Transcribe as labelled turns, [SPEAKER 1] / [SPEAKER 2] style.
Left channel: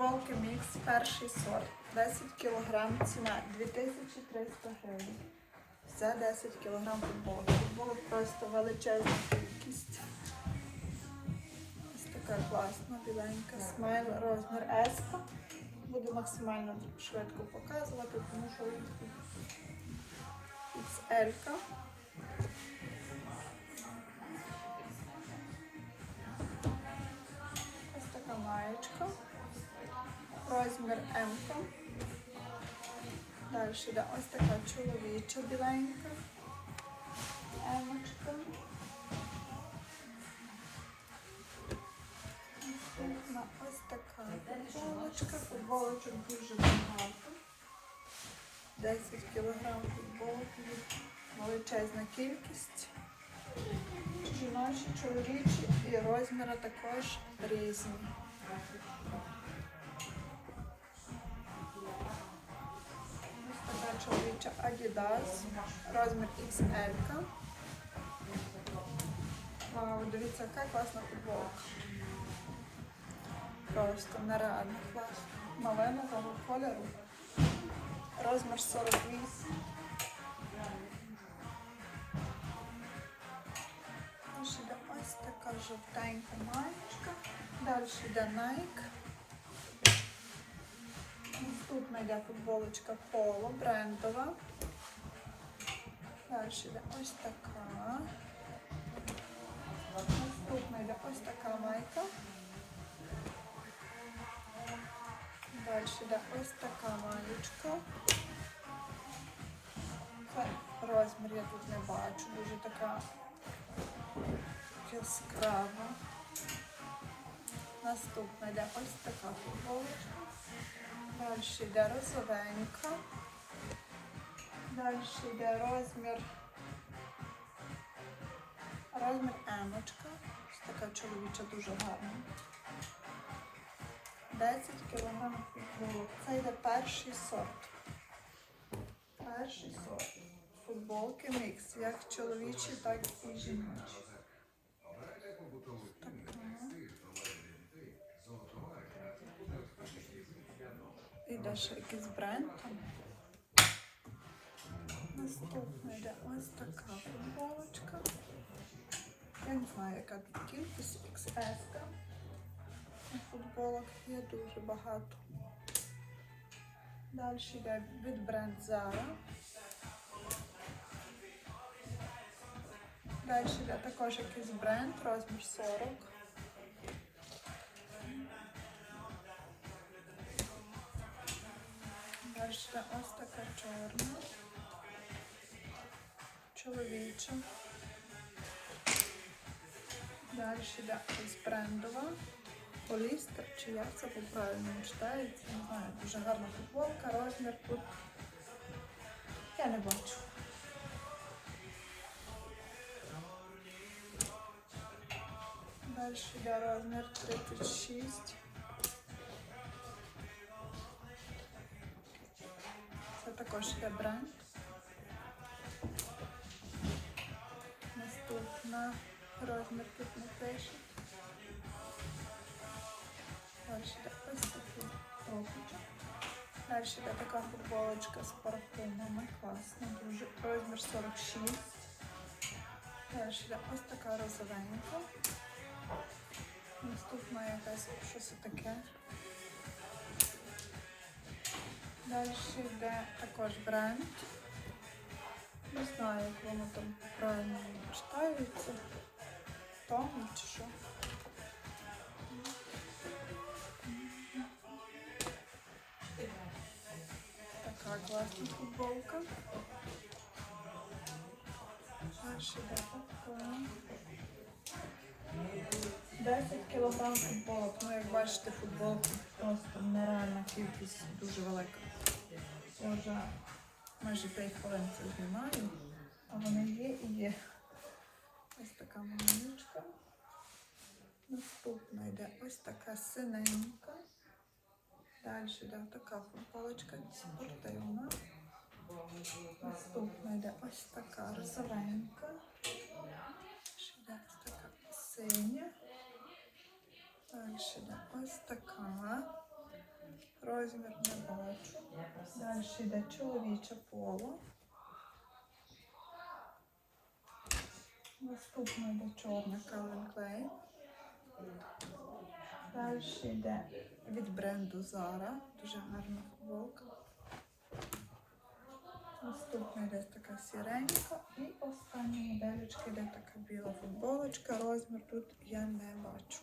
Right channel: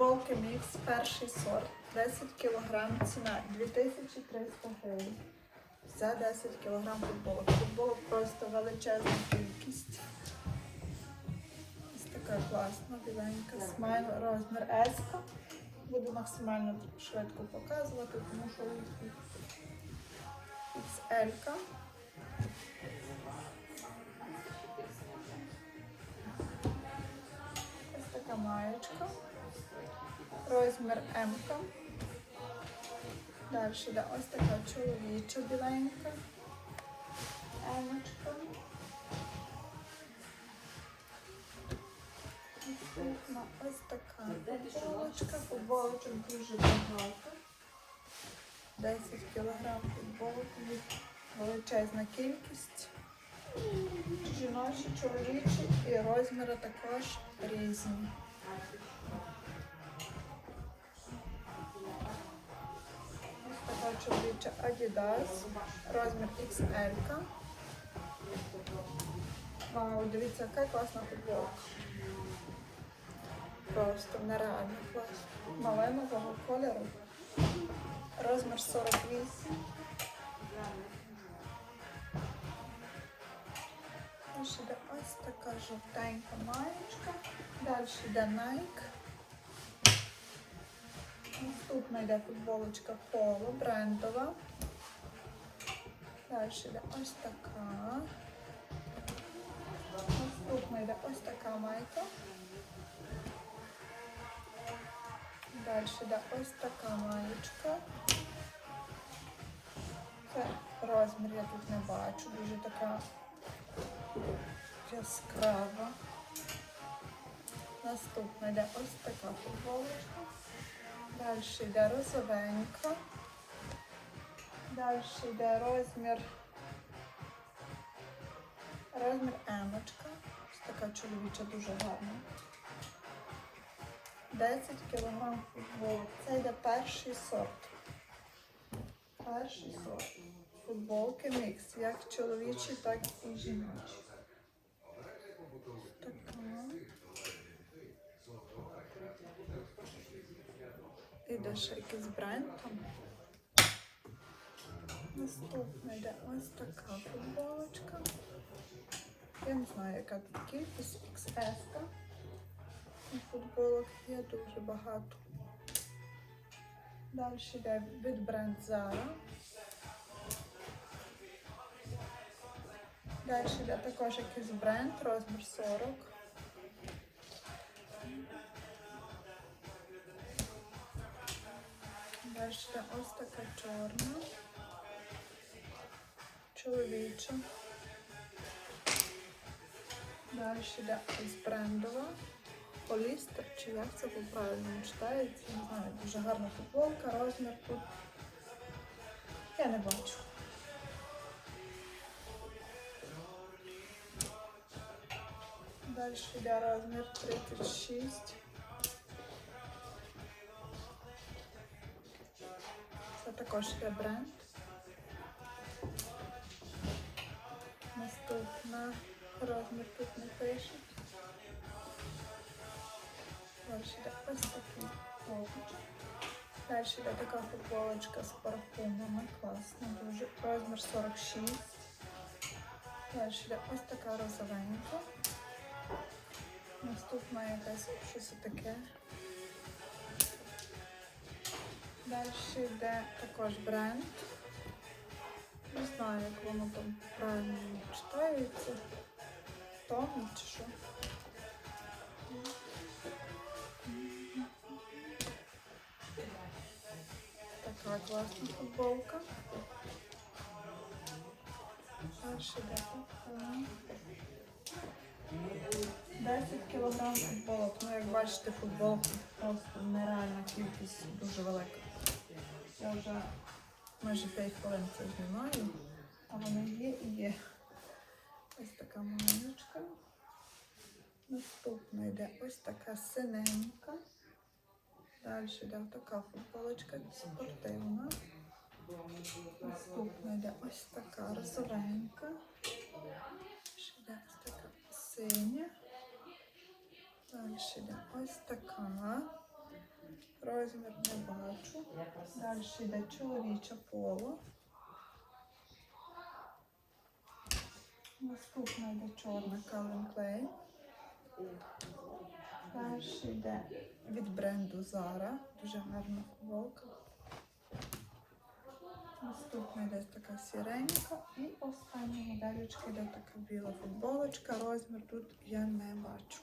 [SPEAKER 1] Футболки мікс, перший сорт, 10 кг, ціна 2300 гривень. За 10 кг футболок. Футболок просто величезна кількість. Ось така класна, біленька. Смайл розмір S. Буду максимально швидко показувати, тому що. -ка. Ось така маєчка. Розмір М. Далі йде ось така чоловіча біленька. Емочка. Наступна ось така футболочка. Футболочок дуже багато. 10 кг футболок. Величезна кількість. Жіночі, чоловічі і розміри також різні. Чоловіча Adidas, розмір XL. Вау, дивіться, яка класна футболка. Просто нереально класно. Малинового кольору. Розмір 48. Далі йде ось така жовтенька маєчка. Далі йде Nike. Наступна йде футболочка Polo, брендова. Далі йде ось така. Наступна йде ось така майка. Далі йде ось така маєчка. Це розмір я тут не бачу, дуже така яскрава. Наступна йде ось така футболочка. Далі йде розовенька. Далі йде розмір. Розмір емочка. Така чоловіча дуже гарна. 10 кг футболок. Це йде перший сорт. Перший сорт. Футболки мікс, як чоловічі, так і жіночі. Іде ще якийсь бренд. Наступна йде ось така футболочка. Я не знаю, яка тут кількість XS. Футболок є дуже багато. Далі йде від бренд Zara. Далі йде також якийсь бренд, розмір 40. Йде ось така чорна. Чоловіча. Далі йде ось брендова. Полістер, чи як це по-правильному читається, не знаю, дуже гарна футболка, розмір тут. Я не бачу. Далі йде розмір 36. Також йде бренд. Наступна розмір тут не пише. Далі йде ось такий топчик. Далі йде така футболочка з парфумами. Класна, дуже. Розмір 46. Далі йде ось така розовенька. Наступна якась щось таке. Далі йде також бренд. Не знаю, як воно там правильно читається. Том чи що. Така класна футболка. Далі йде така. 10 кг футболок. Ну, як бачите, футболок просто нереальна кількість, дуже велика. Я вже майже 5 хвилин це знімаю, а вони є і є. Ось така маленька. Наступна йде ось така синенька. Далі йде така футболочка спортивна. Наступна йде ось така розовенька. Ще йде ось така синя. Далі йде ось така. Розмір не бачу. Далі йде чоловіче поло. Наступна йде чорна Calvin Klein. Далі йде від бренду Zara. Дуже гарна футболка. Наступна йде така сіренька. І остання модельочка йде така біла футболочка. Розмір тут я не бачу.